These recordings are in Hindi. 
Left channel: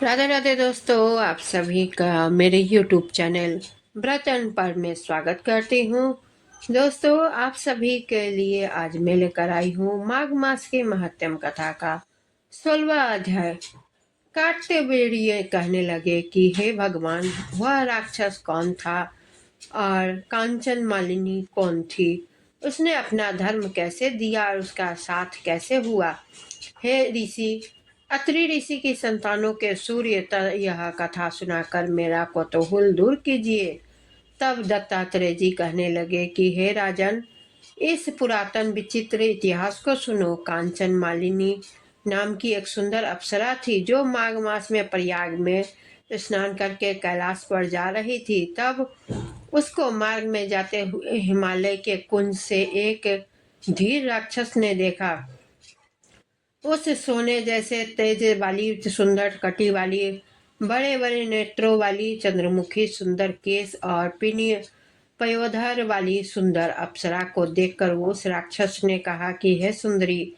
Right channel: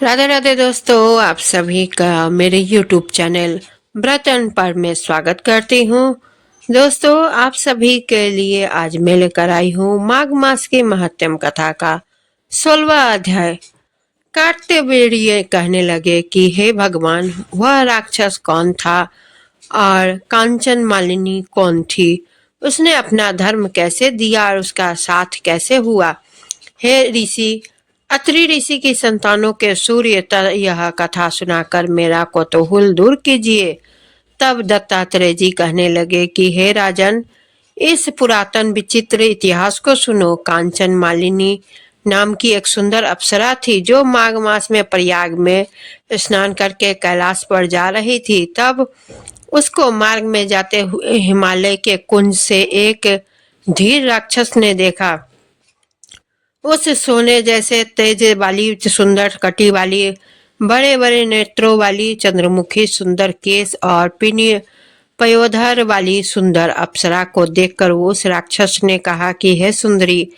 राधे राधे दोस्तों, आप सभी का मेरे YouTube चैनल व्रत एंड पर में स्वागत करती हूँ। दोस्तों, आप सभी के लिए आज मैं लेकर आई हूँ माघ मास की महात्म कथा का 16वां अध्याय। कार्तिवीर्य कहने लगे कि हे भगवान, वह राक्षस कौन था और कांचन मालिनी कौन थी? उसने अपना धर्म कैसे दिया और उसका साथ कैसे हुआ? हे ऋषि, अत्रि ऋषि की संतानों के सूर्य यह कथा सुनाकर मेरा कौतूहल दूर कीजिए। तब दत्तात्रेय जी कहने लगे कि हे राजन, इस पुरातन विचित्र इतिहास को सुनो। कांचन मालिनी नाम की एक सुंदर अप्सरा थी जो माघ मास में प्रयाग में स्नान करके कैलाश पर जा रही थी। तब उसको मार्ग में जाते हुए हिमालय के कुंज से एक धीर राक्षस ने देखा। उस सोने जैसे तेज वाली, सुंदर कटी वाली, बड़े बड़े नेत्रों वाली, चंद्रमुखी सुंदर केस और पिनीय पयोधर वाली सुंदर अप्सरा को देखकर उस राक्षस ने कहा कि हे सुंदरी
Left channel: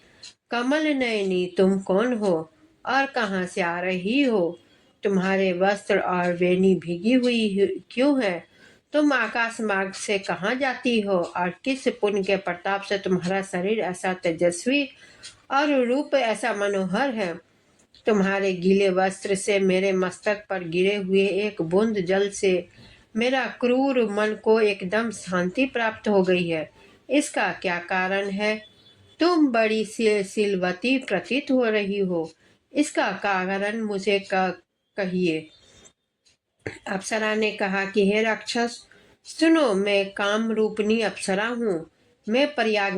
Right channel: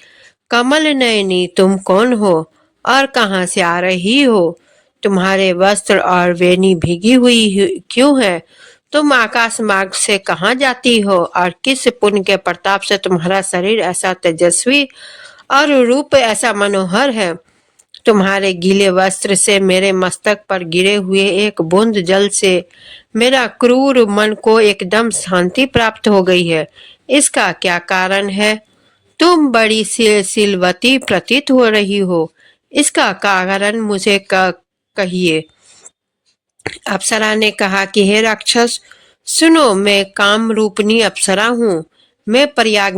कमल नयनी, तुम कौन हो और कहाँ से आ रही हो? तुम्हारे वस्त्र और वेणी भीगी हुई क्यों है? तुम आकाश मार्ग से कहाँ जाती हो और किस पुण्य के प्रताप से तुम्हारा शरीर ऐसा तेजस्वी और रूप ऐसा मनोहर है? तुम्हारे गीले वस्त्र से मेरे मस्तक पर गिरे हुए एक बूंद जल से मेरा क्रूर मन को एकदम शांति प्राप्त हो गई है। इसका क्या कारण है? तुम बड़ी सिलवती प्रतीत हो रही हो। इसका कारण मुझे कहिए। अप्सरा ने कहा कि हे राक्षस, सुनो, मैं काम रूपनी अप्सरा हूँ। मैं प्रयाग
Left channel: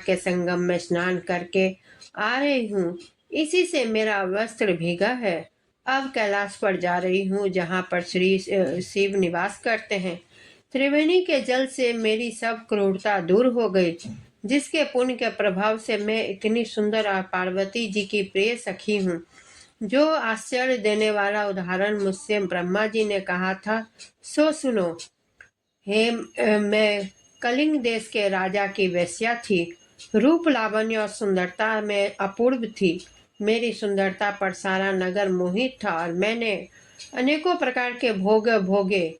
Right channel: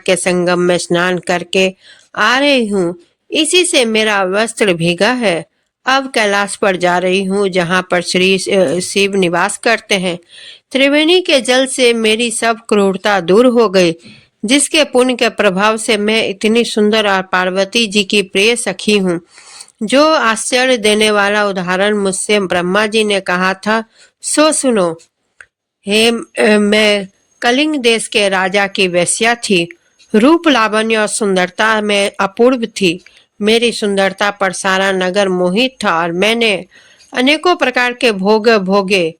के संगम में स्नान करके आ रही हूँ। इसी से मेरा वस्त्र भीगा है। अब कैलाश पर जा रही हूँ जहाँ पर श्री शिव निवास करते हैं। त्रिवेणी के जल से मेरी सब क्रूरता दूर हो गई, जिसके पुण्य के प्रभाव से मैं इतनी सुंदर और पार्वती जी की प्रिय सखी हूँ। जो आश्चर्य देने वाला उदाहरण मुझसे ब्रह्मा जी ने कहा था, सो सुनो। मैं कलिंग देश के राजा की वेश्या थी। रूप, लावण्य और सुंदरता में अपूर्व थी। मेरी सुंदरता पर सारा नगर मोहित था और मैंने अनेकों प्रकार के भोग भोगे।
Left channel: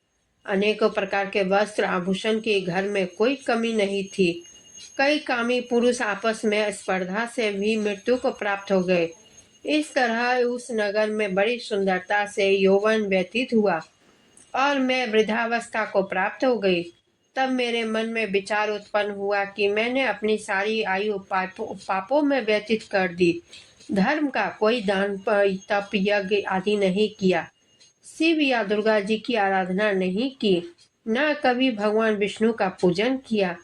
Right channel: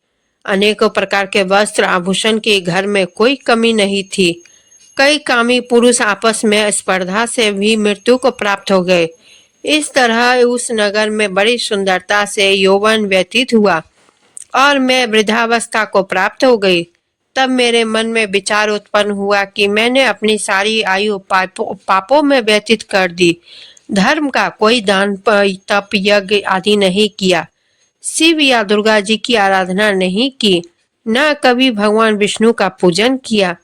अनेकों प्रकार के वस्त्र आभूषण की घर में कोई कमी नहीं थी। कई कामी पुरुष आपस में स्पर्धा से भी मृत्यु को प्राप्त हो गए। इस तरह उस नगर में बड़ी सुंदरता से यौवन व्यतीत हुआ और मैं वृद्धावस्था को प्राप्त हो गई। तब मेरे मन में विचार उत्पन्न हुआ कि मैंने अपनी सारी आयु पापों में व्यतीत कर दी। धर्म का कोई दान, तप, यज्ञ आदि नहीं किया। शिव या दुर्गा जी की आराधना नहीं की। न कभी भगवान विष्णु का पूजन किया।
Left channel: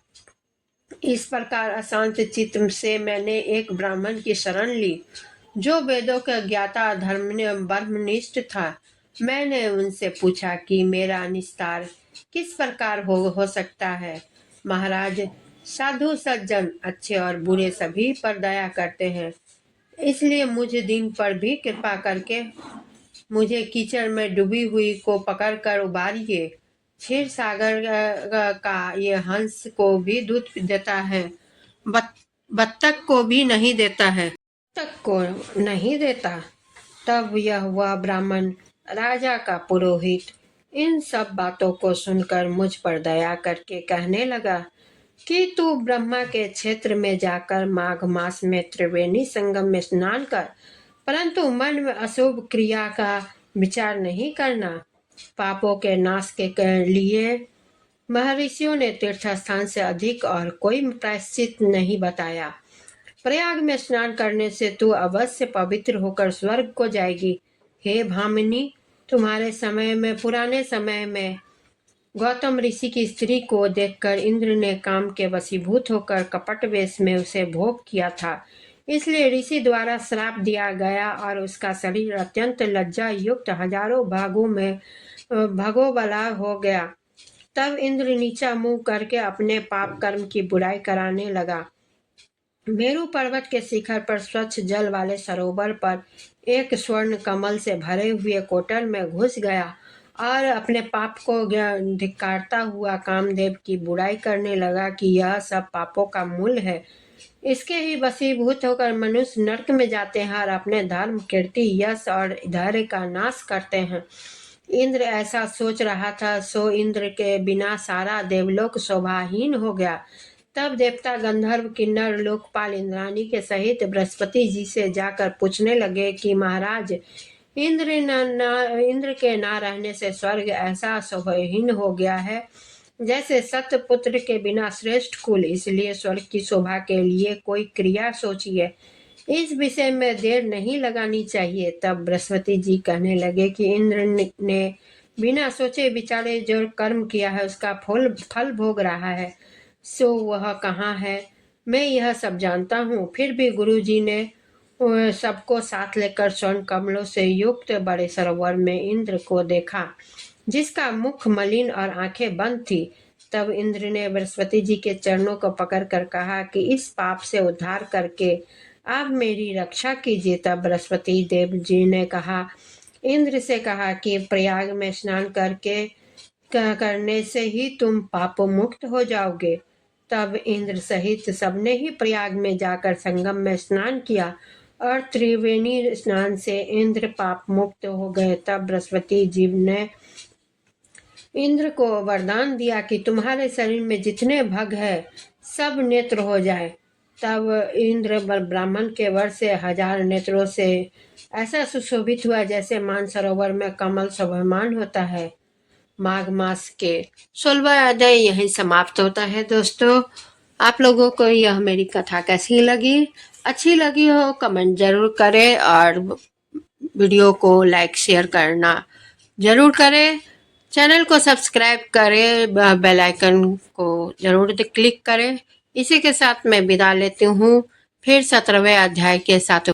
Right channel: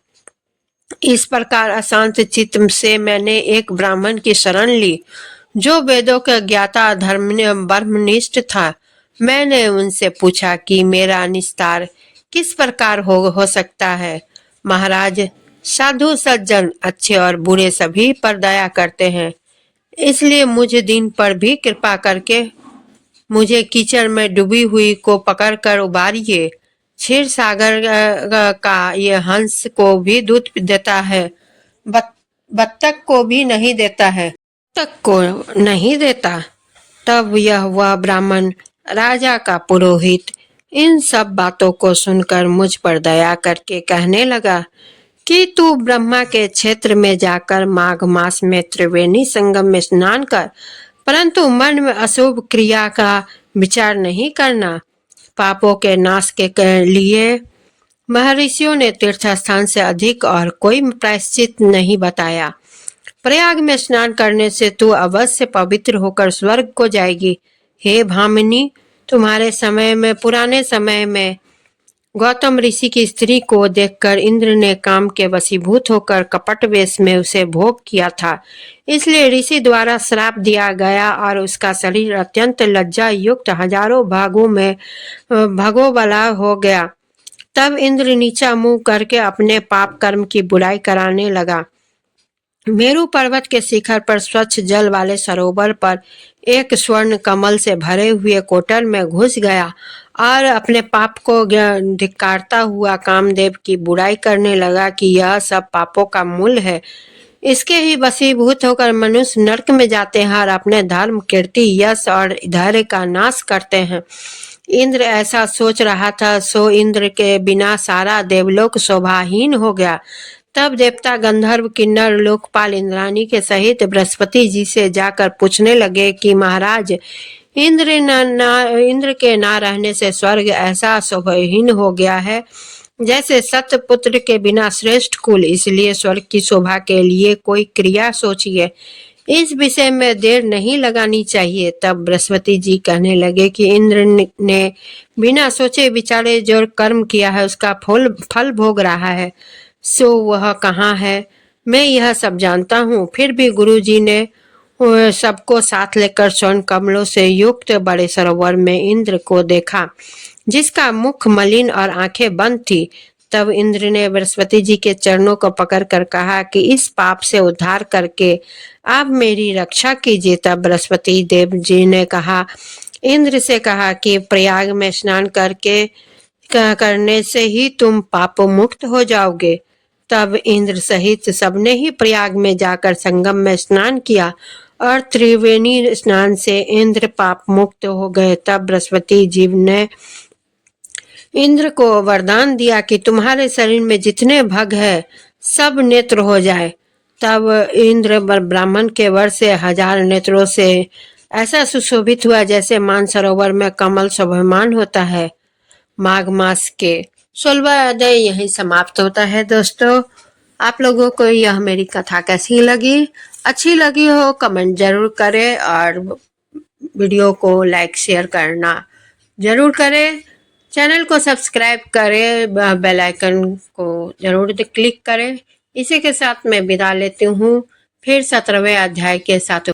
इस प्रकार अशांत चित्त से मैंने एक ब्राह्मण की शरण ली जो वेदों का ज्ञाता, ब्रह्मनिष्ठ था। मैंने उनसे पूछा कि मेरा निस्तार किस प्रकार हो सकता है। महाराज, साधु सज्जन अच्छे और बुरे सभी पर दया करते हैं, इसलिए मुझ दिन पर भी कृपा करके मुझे कीचड़ में डूबी हुई को पकड़कर उबारिए। क्षीर सागर का ये हंस को भी दूध देता है, बत्तख को भी नहीं देता है, तक को नहीं देता। तब यह वह ब्राह्मण राजा का पुरोहित इन सब बातों को सुनकर मुझ पर दया करके कहने लगा कि तू ब्रह्मा के क्षेत्र में जाकर माघ मास में त्रिवेणी संगम में स्नान कर, परंतु मन में अशुभ क्रिया का विचार नहीं करना। पापों के नाश के लिए महर्षियों ने तीर्थ स्थान से अधिक और कोई प्रायश्चित नहीं बताया। प्रयाग में स्नान करने से तू अवश्य पवित्र होकर स्वर्ग को जाएगी। हे भामिनी, तुम्हारे समय में, पुराने समय में गौतम ऋषि की स्त्री को देखकर इंद्र ने काम के वशीभूत होकर कपट वेश में उसे भोग किया था। इसलिए ऋषि द्वारा श्राप दिया गया और उसका शरीर अत्यंत लज्जा युक्त हजारों भागों वाला हो गया। तब इंद्र नीचा मुंह करके अपने पाप कर्म की बुराई कराने लगा। मेरू पर्वत के शिखर पर स्वच्छ जल वाले सरोवर पर एक स्वर्ण कमल से भरे हुए कोटर में घुस गया और अपने पाप को धिक्कारता हुआ कामदेव की बुराई करने लगा कि यह सब पापों का मूल है। इसके ही वशीभूत होकर मनुष्य नरक में जाते हैं और अपने धर्म, कीर्ति, यश और धैर्य का नाश करते हैं। इंद्र ऐसा सोच रहा था, सो इंद्र के बिना सारा देवलोक शोभाहीन हो गया। तब देवता, गंधर्व, किन्नर, लोकपाल इंद्राणी के सहित बृहस्पति जी से जाकर पूछने लगे कि महाराज, इंद्र के ना रहने से स्वर्ग ऐसा शोभाहीन हो गया है जैसे सतपुत्र के बिना श्रेष्ठ कुल। इसलिए स्वर्ग की शोभा के लिए कोई क्रिया सोचिए, इस विषय में देर नहीं लगानी चाहिए। तब बृहस्पति जी कहने लगे कि इंद्र ने बिना सोचे विचारे जो कर्म किया है उसका फल भोग रहा है, सो वह कहाँ है? मैं यह सब जानता हूँ। फिर भी गुरु जी ने सबको साथ लेकर स्वर्ण कमलों से युक्त बड़े सरोवर में इंद्र को देखा, जिसका मुख मलिन और आंखें बंद थी। तब इंद्र ने बृहस्पति जी के चरणों को पकड़कर कहा कि इस पाप से उद्धार करके आप मेरी रक्षा कीजिए। तब बृहस्पति देव जी ने इंद्र से कहा कि प्रयाग में स्नान करने से ही तुम पाप मुक्त हो जाओगे। तब इंद्र सहित सबने ही प्रयाग में जाकर संगम में स्नान किया और त्रिवेणी स्नान से इंद्र पाप मुक्त हो गए। तब बृहस्पति जी ने इंद्र को वरदान दिया कि तुम्हारे शरीर में जितने भग है सब नेत्र हो जाए। तब इंद्र ब्राह्मण के वर से 1000 नेत्रों से ऐसा सुशोभित हुआ जैसे मानसरोवर में कमल शोभायमान होता है। माघ मास के 16वां अध्याय यही समाप्त होता है। दोस्तों, आप लोगों को यह मेरी कथा कैसी लगी? अच्छी लगी हो कमेंट जरूर करें और वीडियो को लाइक शेयर करना जरूर करें। चैनल को सब्सक्राइब करें, बेल आइकन को जरूर क्लिक करें। इसी के साथ मैं विदा लेती हूँ, फिर 17वें अध्याय के साथ